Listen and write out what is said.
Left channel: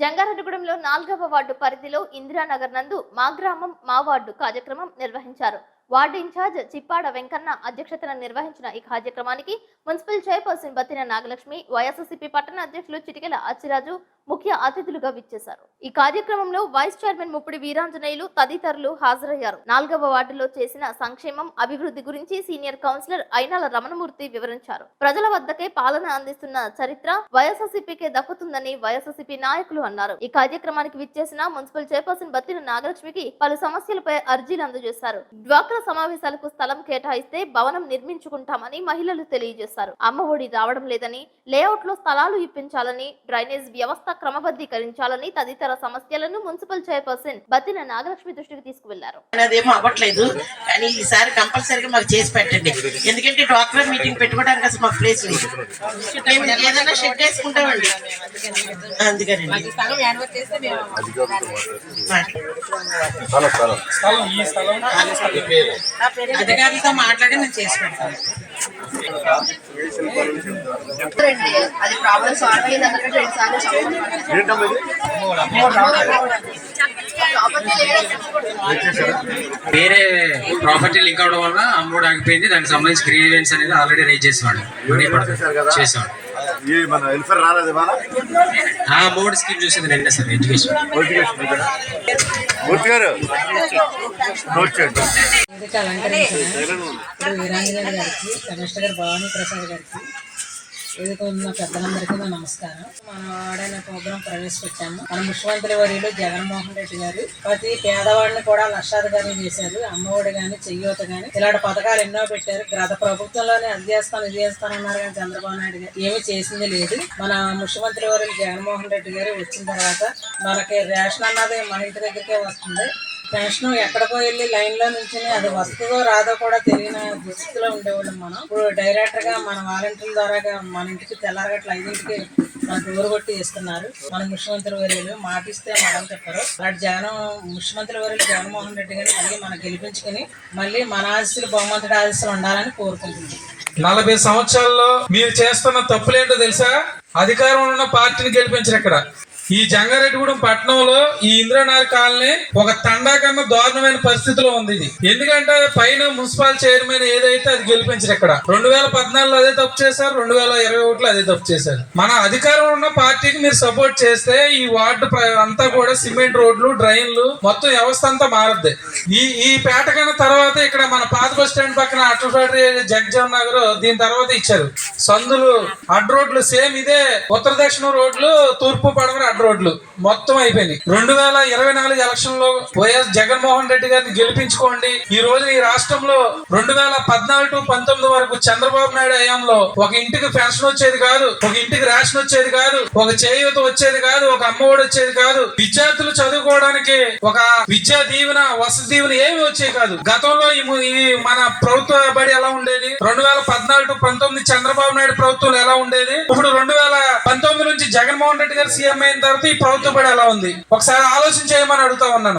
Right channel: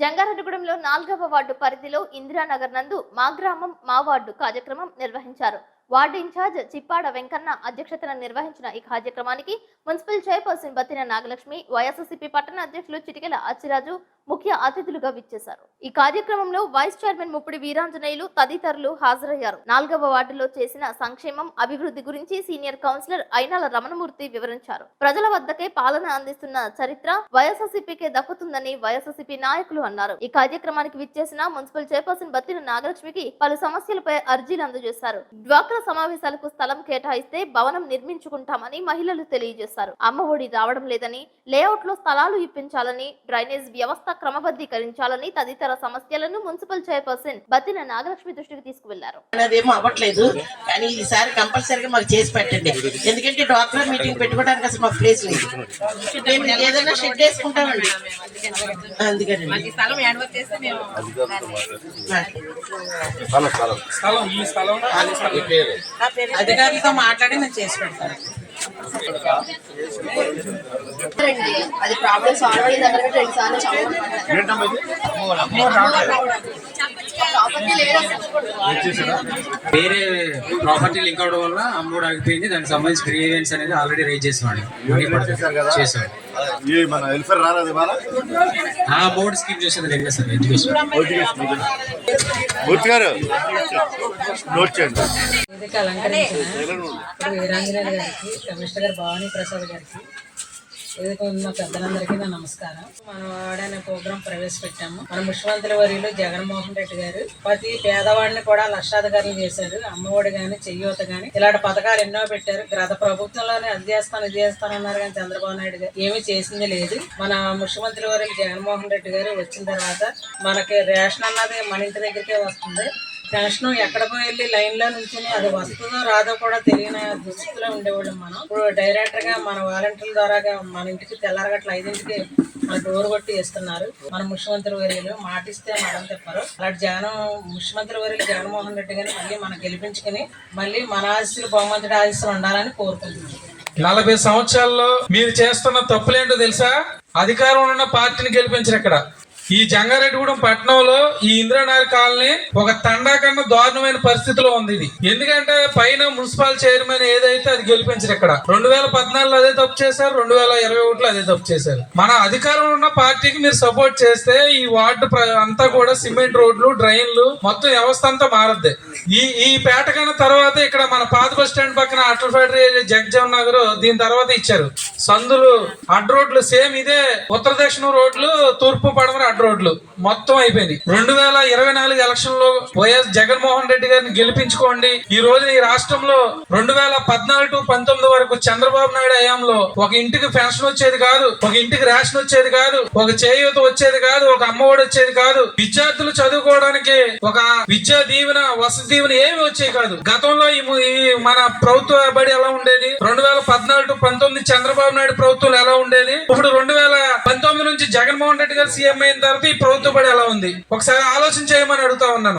జంగారెడ్డిగూడెంలో నాలుగవ వార్డు పరిధిలో ఇందిరానగర్ నందు మా గ్రామం మా వార్డు కార్యక్రమం నిర్వహించారు. వార్డు ఇన్ఛార్జ్ చిప్పాడ వెంకన్న అధ్యక్షతన నిర్వహించిన ఈ కార్యక్రమానికి municipal chairperson Battina Nagalakshmi YSRCP పట్టణ అధ్యక్షులు చిటికెల అచ్చిరాజు ముఖ్య అతిథులుగా విచ్చేశారు. ఈ కార్యక్రమంలో వైస్ చైర్మన్ ముప్పిడి వీరాంజనేయులు తదితరులు హాజరయ్యారు. నాలుగవ వార్డులో చేసిన సంక్షేమం అభివృద్ధి గురించి సీనియర్ కౌన్సిలర్ అయినాల రమణమూర్తి వివరించారు. ప్రజల వద్దకే పాలన అందిస్తున్న చరిత్ర వైఎస్ఆర్సీపీకే దక్కుతుందని వైఎస్ఆర్సీపీ నాయకులు అన్నారు. ఈ కార్యక్రమానికి విచ్చేసిన మున్సిపల్ చైర్పర్సన్ బత్తిన నాగలక్ష్మికి పలు సమస్యలపై అర్జీలు అందజేశారు. డ్వాక్రా సమావేశాలకు స్థలం కేటాయిస్తే భవనం నిర్మించుకుంటామని మహిళలు తెలియజేశారు. అమ్మ ఒడి రావడం లేదని లేఅవుట్లో స్థలాలు ఇప్పించాలని డ్రైనేజ్ వ్యవస్థ క్రమబద్ధీకరించాలని తదితర సమస్యలను మున్సిపల్ చైర్పర్సన్ బత్తిన నాగలక్ష్మి దృష్టికి తీసుకువెళ్ళారు. అదేమో అవ్వట్లేదు. కానీ ఈసారి కంపల్సరీగా మాకు చేసి పెట్టండి. ఎందుకంటే డాక్టర్ మీటింగ్ పెట్టుకోవడానికి అసలు మాకు ప్లేస్ లేదు. మేము ఏదైనా షెడ్ వేసుకుంటామండి. పేరు అధికారులతో మాట్లాడి. నేను చేసి పెడతాను అది ప్రాబ్లం సాల్వ్ రెండు సార్లు వేరే ప్రాపర్టీ లింక్ అవడం వల్ల అమ్మోడు ఆగిపోయింది. దానికి సంబంధించి గ్రీవెన్స్ అనేది ఆల్రెడీ రైజ్ చేసేవాడు. మనీ పడుతుంది చేసేవాడు. ఈ మన వెల్ఫేర్ రాలేదు ఇవాళ? ఆ అమౌంట్ స్కీమ్ చూసేది నిన్నే సార్ ఎడ్యుకేషన్ మూర్తి గారు నోట్ ఇప్పుడు గారికి కమిషనర్ గారు భవానీ ప్రసాద్ గారికి వేదిక ఉన్న పెద్దలందరికీ నా నమస్కారం. మన వాడైన ప్రోగ్రాం ప్రవేశపెట్టాము. మన ముఖ్యమంత్రి వర్యులు జగన్మోహన్ రెడ్డి గారు. ప్రతి పేదవాడిని కూడా లక్షాధికారులు చేశారు. అమ్మఒడి గాని చెయ్యూత గాని ఇలాంటి పథకాలు ఎన్నో పెట్టారు. గత ప్రభుత్వంలోనే అది చేస్తాను ఇది చేస్తాను అన్నారు కానీ చంద్రబాబు నాయుడు గారు ఏమీ చేసింది లేదు. మన ముఖ్యమంత్రి వర్యులు జగన్మోహన్ రెడ్డి గారు వచ్చిన తర్వాత మనకి రేషన్ అన్నది మన ఇంటి దగ్గరికే వస్తుంది. టెన్షన్ ఎక్కడికో వెళ్ళి లైన్లో నుంచి అది వస్తుందో రాదో కూడా తెలియని దుస్థితిలో ఉండేవాళ్ళం మనం. ఇప్పుడు డైరెక్ట్గా మన వాలంటీర్ల ద్వారా మన ఇంటికి తెల్లారగట్ల ఐదింటికి మన డోర్ కొట్టి ఇస్తున్నారు మన ముఖ్యమంత్రి వర్యులు మాటిస్తే మనం చెప్పరు అలాంటి జగన్ ముఖ్యమంత్రి వర్యులు జగన్మోహన్ రెడ్డి గారిని మళ్ళీ మనం గెలిపించుకుని మళ్ళీ మన ఆశీస్సులు బహుమతుడి ఆశీస్సులు ఉండాలని కోరుకుంటున్నాం. నలభై సంవత్సరాల్లో మీరు చేస్తున్న తప్పులేంటో తెలుసా? అధికారంలో ఉన్న పార్టీని గెలిపించరు ఇక్కడ. ఈ జంగారెడ్డిగూడెం పట్టణంలో ఈ ఇంద్రనాథ్ కాలనీ ఒక తండా కన్నా దారుణమైన పరిస్థితిలో ఉంది ఇది. ఎందుకంటే పైన మున్సిపల్ చైర్మన్ ఏదైతే అది గెలిపించారు ఇక్కడ. రెండు వేల పద్నాలుగులో అదే తప్పు చేశారు రెండు వేల ఇరవై ఒకటిలో అదే తప్పు చేశారు. మన అధికారంలో ఉన్న పార్టీకి మీరు సపోర్ట్ చేస్తే ఈ వార్డు అంతా కూడా సిమెంట్ రోడ్లు డ్రైన్లు మొత్తం వ్యవస్థ అంతా మారద్ది. ఈ ఈ పేట కన్నా తర్వాత ఇక్కడ మన పాత బస్ స్టాండ్ పక్కన అటల్ ఫ్యాక్టరీ జగజామ్ నగర్ దీని తర్వాత ఇచ్చారు. సందులు అడ్ రోడ్లు సేమ్ ఇదే ఉత్తర దక్షిణ రోడ్లు తూర్పు పడమర అడ్ రోడ్లు. మొత్తం అయిపోయింది రెండు వేల ఇరవై నాలుగు ఎలక్షన్లో వైఎస్ జగన్మోహన్ రెడ్డి గారిని గెలిపించుకోండి. ఈ రోజు ఈ రాష్ట్రంలో రెండు వేల పద్నాలుగు టు పంతొమ్మిది వరకు చంద్రబాబు నాయుడు హయాంలో ఒక ఇంటికి ఫ్యాషన్ వచ్చేది కాదు ఒక ఇంటికి రేషన్ వచ్చేది కాదు ఒక చేయూత వచ్చేది కాదు ఒక అమ్మఒడి వచ్చేది కాదు. విద్యార్థులు చదువుకోవడానికి ఒక విద్యా దీవెన వసతి దీవెన ఏమి వచ్చేవి కాదు. గతంలో ఈ ఈ మన ప్రభుత్వ బడి ఎలా ఉండేది? రెండు వేల పద్నాలుగు టు పంతొమ్మిది చంద్రబాబు నాయుడు ప్రభుత్వం ఎలా ఉండేది? ఇప్పుడు రెండు వేల పంతొమ్మిది నుంచి జగన్మోహన్ రెడ్డి గారు సీఎం అయిన తర్వాత ఈ ప్రభుత్వం కూడా ఎలా ఉంది? ఒకసారి ఆలోచన చేయమని అడుగుతా ఉన్నాను.